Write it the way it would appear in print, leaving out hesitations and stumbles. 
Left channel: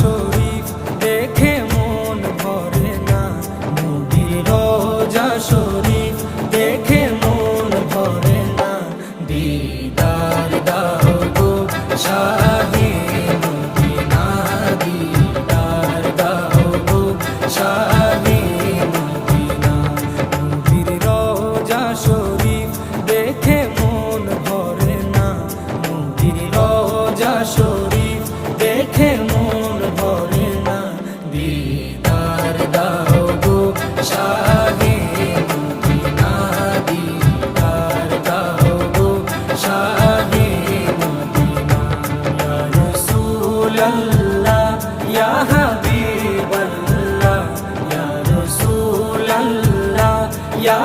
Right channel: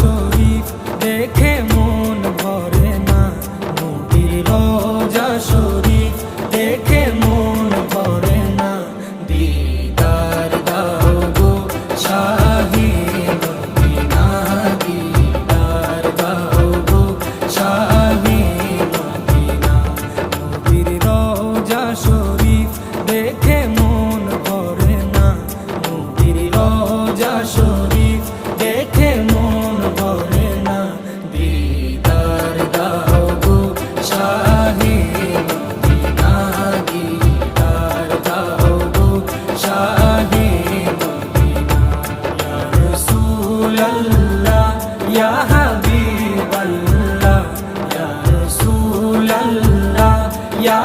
শরীফ দেখে মন ভরে না, নবীর রোজা শরীফ দেখে মন ভরে না। দিদার দাও গো শাহে মদিনা, দিদার দাও গো শাহে মদিনা। নবীর রোজা শরীফ দেখে মন ভরে না, নবীর রোজা শরীফ দেখে মন ভরে না। দিদার দাও গো শাহে মদিনা, দিদার দাও গো শাহে মদিনা। ইয়া রাসূলাল্লাহ ইয়া হাবিবাল্লাহ, ইয়া রাসূলাল্লাহ ইয়া